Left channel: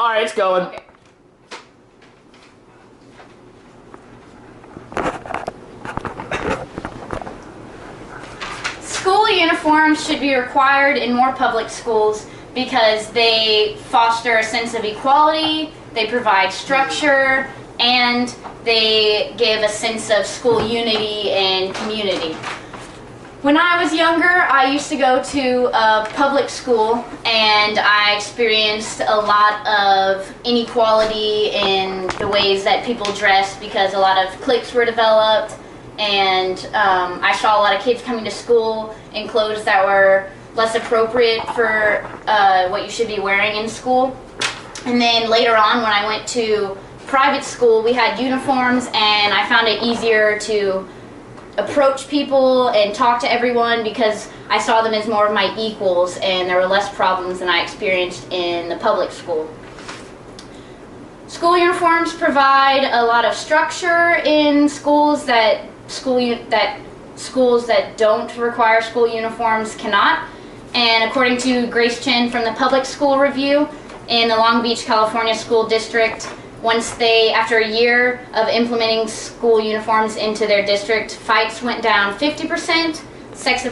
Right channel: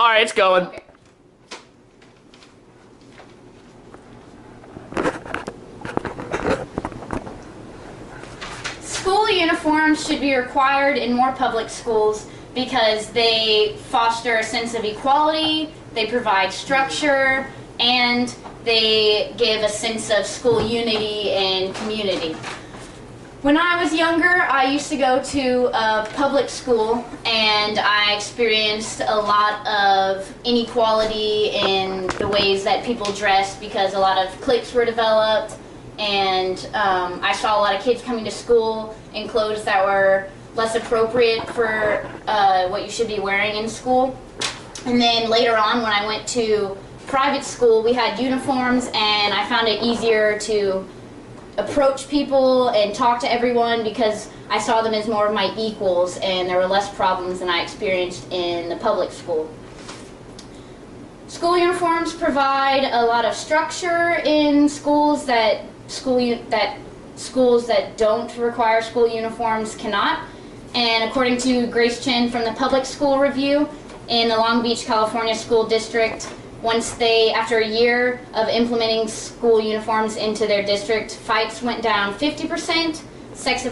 Alright, it's going. Okay. School uniforms should be required in more public schools because they foster a sense of equality, they provide structure, and they give a sense of school unity and community. When I was younger, I used to go to a public school, and I experienced a lot of inequality in the ways that people dressed because a lot of cliques were developed, and I saw a lot of kids coming to school in clothes that were less appropriate for what you should be wearing in school. And then later on, when I went to private school, we had uniforms, and I found it easier to approach people and talk to everyone because I saw them as more of my equals, and there were less problems than I experienced in the public school. School uniforms provide a lot of structure in schools that schools that don't require school uniforms cannot. And according to Grace Chen from the Public School Review in the Long Beach, California School District, after a year of implementing school uniforms into their district, fights went down 50%, sex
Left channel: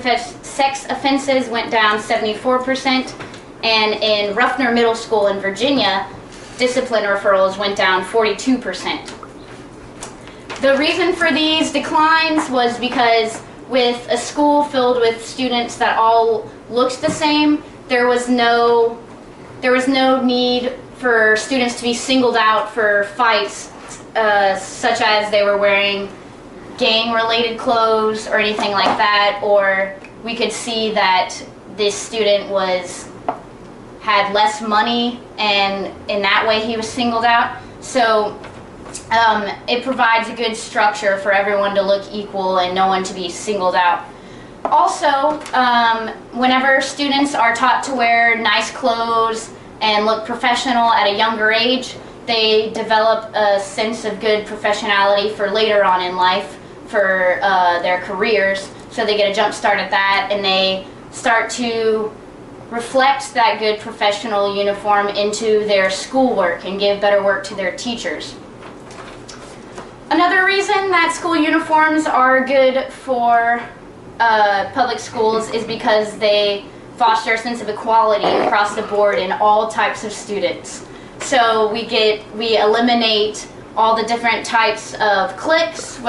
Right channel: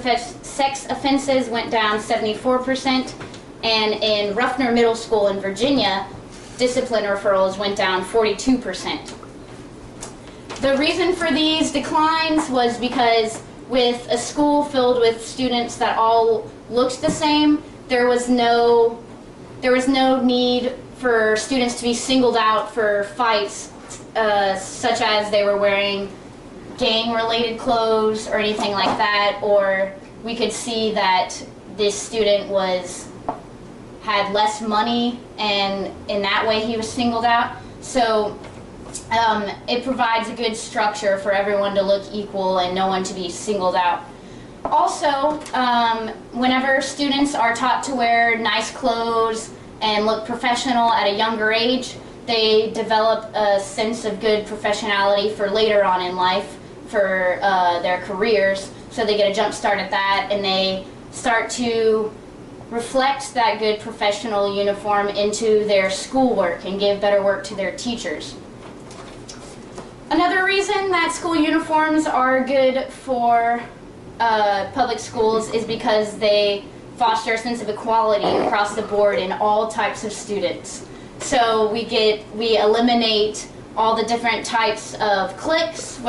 offenses went down 74%, and in Ruffner Middle School in Virginia, discipline referrals went down 42%. The reason for these declines was because with a school filled with students that all looked the same, there was no need for students to be singled out for fights, such as they were wearing gang-related clothes or anything like that, or we could see that this student had less money, and in that way he was singled out. So it provides a good structure for everyone to look equal and no one to be singled out. Also, whenever students are taught to wear nice clothes and look professional at a younger age, they develop a sense of good professionality for later on in life for their careers. So they get a jump start at that, and they start to reflect that good professional uniform into their schoolwork and give better work to their teachers. Another reason that school uniforms are good for public schools is because they foster a sense of equality across the board in all types of students. So we eliminate all the different types of cliques,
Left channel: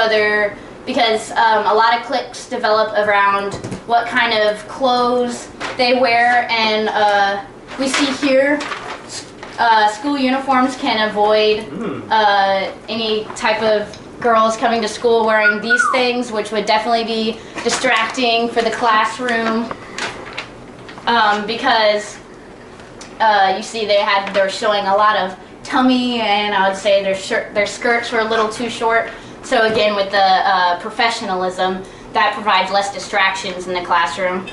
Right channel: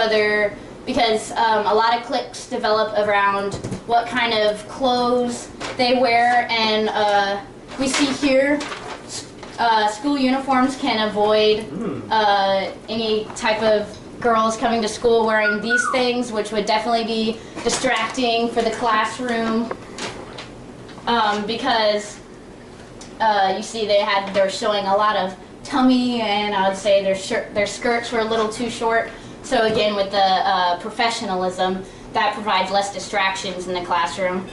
because a lot of cliques develop around what kind of clothes they wear, and we see here school uniforms can avoid any type of girls coming to school wearing these things, which would definitely be distracting for the classroom. Because you see they're showing a lot of tummy, and I would say their skirts were a little too short. So again, with the professionalism, that provides less distractions in the classroom.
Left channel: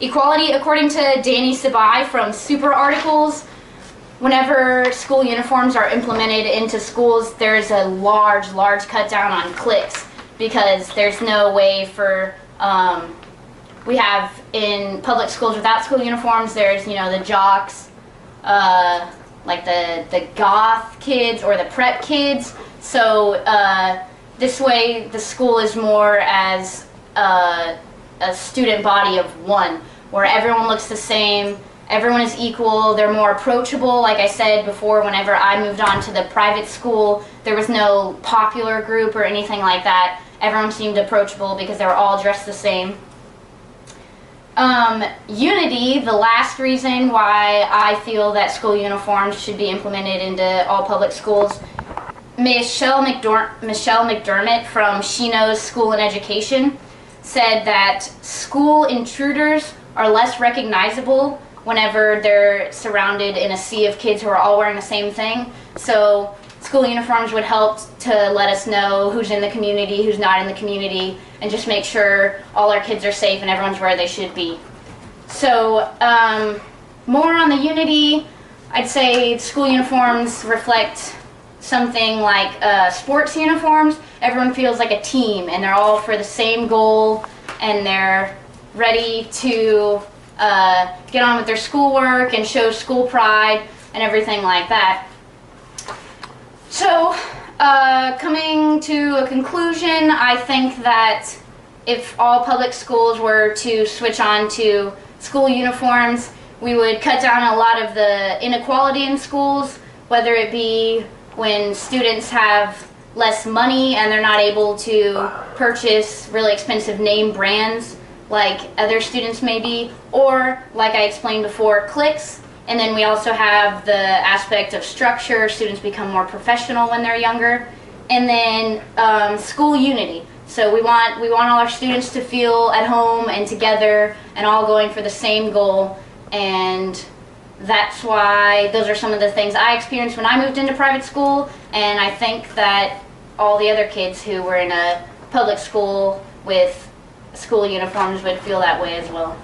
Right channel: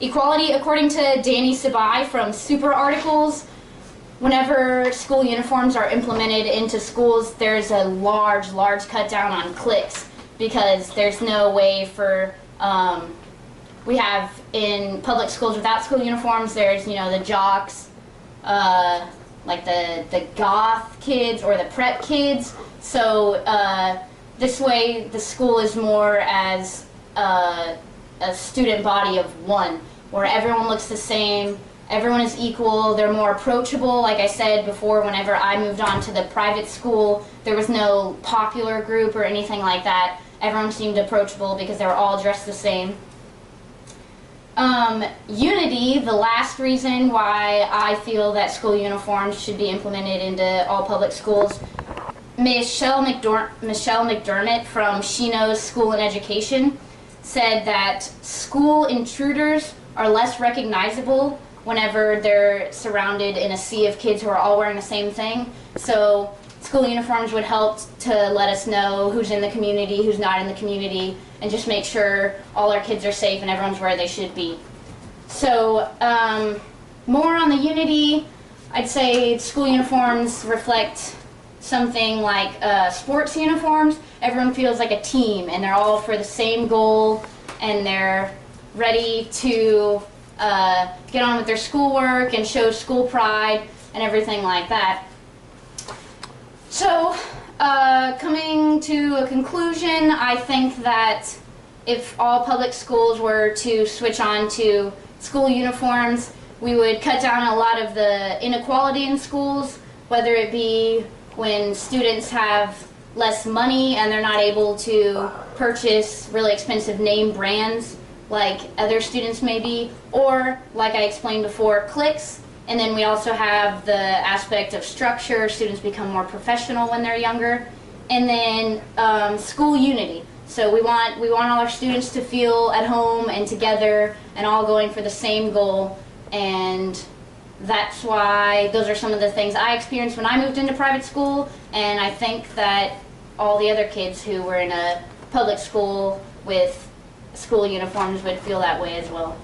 Equality, according to Danny Sabai from Super Articles, whenever school uniforms are implemented into schools, there's a large cut down on cliques, because there's no way for we have in public schools without school uniforms, there's, the jocks, like the goth kids or the prep kids. So this way the school is more as a student body of one, where everyone looks the same, everyone is equal, they're more approachable. Like I said before, whenever I moved on to the private school, there was no popular group or anything like that. Everyone seemed approachable because they were all dressed the same. Unity, the last reason why I feel that school uniforms should be implemented into all public schools. Michelle McDermott from She Knows School and Education said that school intruders are less recognizable whenever they're surrounded in a sea of kids who are all wearing the same thing. So school uniforms would help to let us know who's in the community, who's not in the community, and just make sure all our kids are safe and everyone's where they should be. So more on the unity, I'd say school uniforms reflect something like sports uniforms. Everyone feels like a team, and they're all for the same goal, and they're ready to get on with their schoolwork and show school pride and everything like that. So, coming to a conclusion, I think that if all public schools were to switch on to school uniforms, we would cut down a lot of the inequality in schools, whether it be when students have less money and they're not able to purchase really expensive name brands like other students may be, or like I explained before, cliques. And then we also have the aspect of structure. Students become more professional when they're younger. And then school unity. So we want all our students to feel at home and together and all going for the same goal. And that's why those are some of the things I experienced when I moved into private school, and I think that all the other kids who were in a public school with school uniforms would feel that way as well.